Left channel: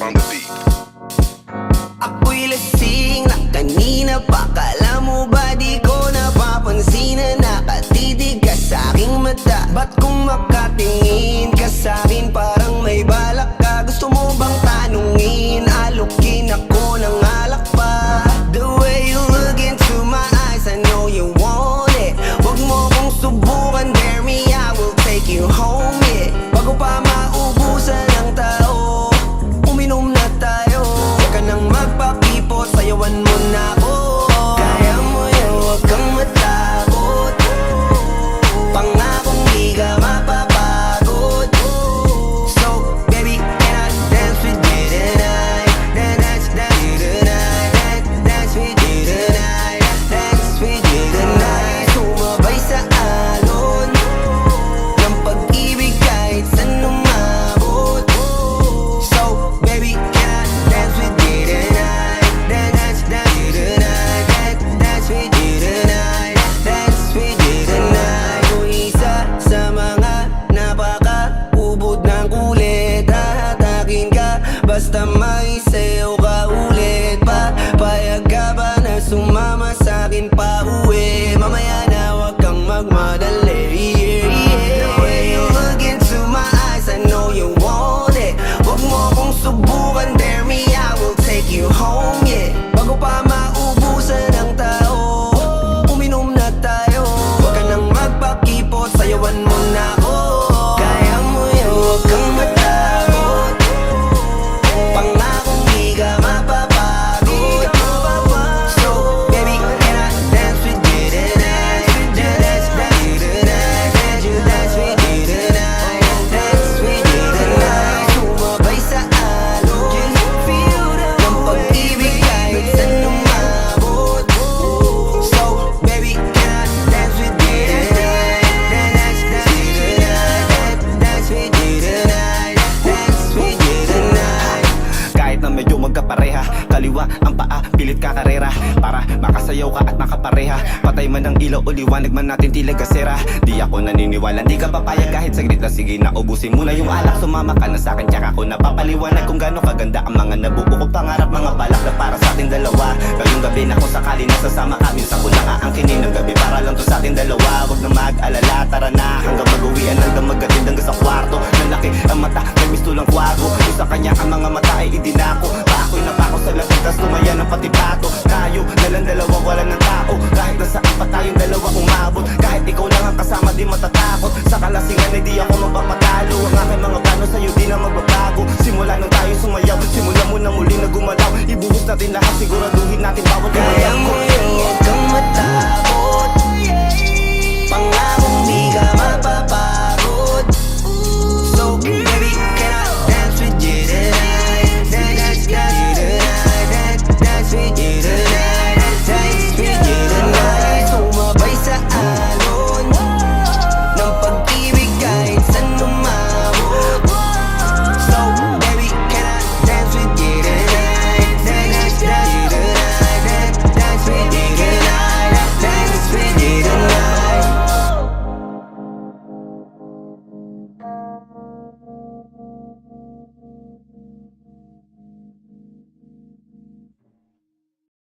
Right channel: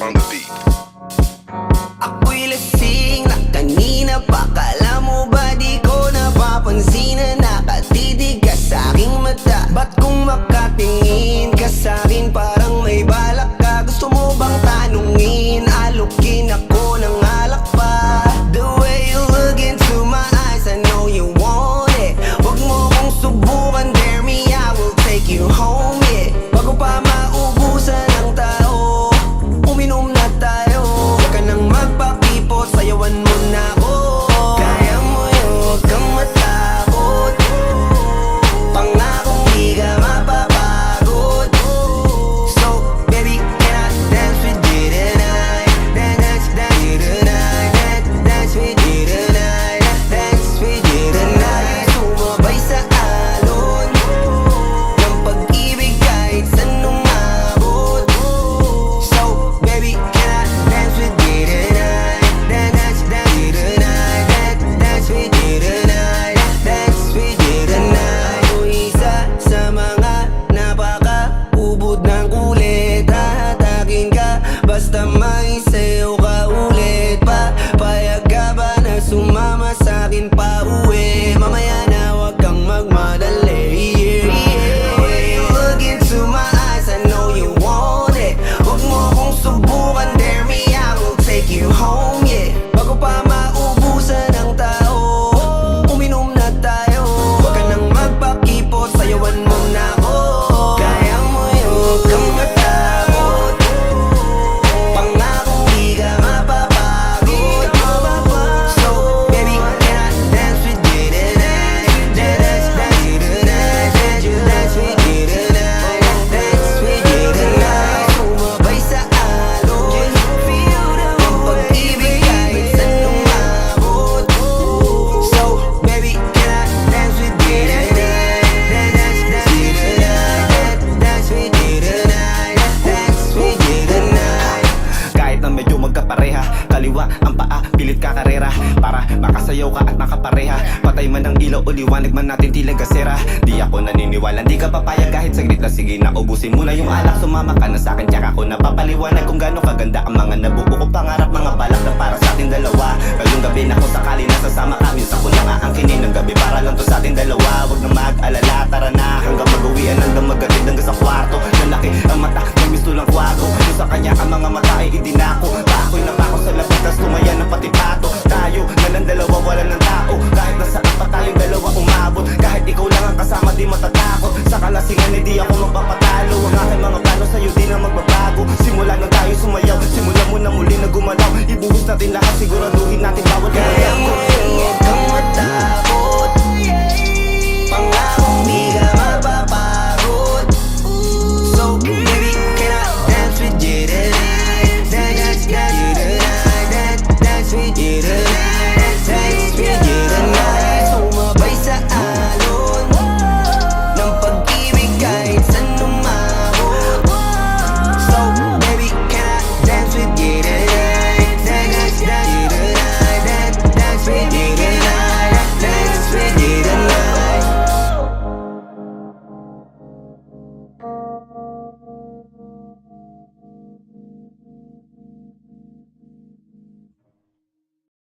on the beat. Ako'y lasing na kanina pa. Kala mo ba di ko napapansin na nakatitig ka sa'king mata? Ba't kung makatingin ka sa'kin parang may balak ka? Gusto mo bang tanungin? Alukin ako ng alak pa. The way you look into my eyes, I know you want it. Wag mo kong subukan, dare me, I will take you home, yeah. Bago pa maubusan ng tao, uminom na tayo. Huwag ka nang magpakipot, sayawan mo na ako. Kaya mo yun, huwag kang matakot. Pangakong di ka mapapagod. So, baby, can I dance with you tonight? Dance with you tonight. Dance with you tonight. Dance with you tonight. Sumabay sa alon ng pag-ibig kahit saan umabot. So, baby, can I dance with you tonight? Dance with you tonight. Dance with you tonight. Dance with you tonight. O isa sa mga napaka-ubod ng kulit. Hahatakin ka basta may sayo ka ulit pa. Payag ka ba na sumama sa'kin pa uwi? Mamaya na wag kang magmadali, yeah, yeah. The way you look into my eyes, I know you want it. Wag mo kong subukan, dare me, I will take you home, yeah. Bago pa maubusan ng tao, uminom na tayo. Wag ka nang magpakipot, sayawan mo na ako. Kaya mo yun, wag kang matakot. Pangakong di ka mapapagod. So, baby, can I dance with you tonight? Dance with you tonight. Dance with you tonight. Dance with you tonight. Sumabay sa alon ng pag-ibig kahit saan umabot. So, baby, can I dance with you tonight? Dance with you tonight. Dance with you tonight. Dance with you tonight. Kahit na medyo magkapareha, kaliwa ang paa, pilit ka karera para makasayaw ka at makapareha. Patay man ang ilaw o liwanag man natin tila gasera. Di ako naniniwala, di ka papayag kahit saglit na. Sige na, ubusin mo na yung alak. Sumama ka na sa'kin, tsaka ako napapaliwanag kung gaano kaganda ang mga nabuo ko pangarap. Mga balak na para sa ating dalawa. Ngayong gabi na kung sakali nasasama ka, minsan ko lang aangkinin ng gabi para lang to sa ating dalawa. Huwag na mag-alala, tara na hanggang mag-uwian, hanggang magatid hanggang sa kwarto. Lalaki ang mata, may mistulang kwago. Yung sa kanya ang mga mata ay idinako. Pa ako'y napako sa lapit, tas tumaya ng pati pato. Tayo nalang dalawa, wala ng tao. Kahit nasaan pa tayong dalawa umabot. Kahit ikaw lang ang kasama, di matatakot. Sa kalasingan ay di ako magpapatalo. Ang aking mga plano sa'yo di na magbabago. Simula nang tayo sumayaw, simula mo na muli na gumalaw. Ibuhos natin lahat, siguraduhin natin bawat Kaya mo yun, huwag kang matakot. Pangakong di ka mapapagod.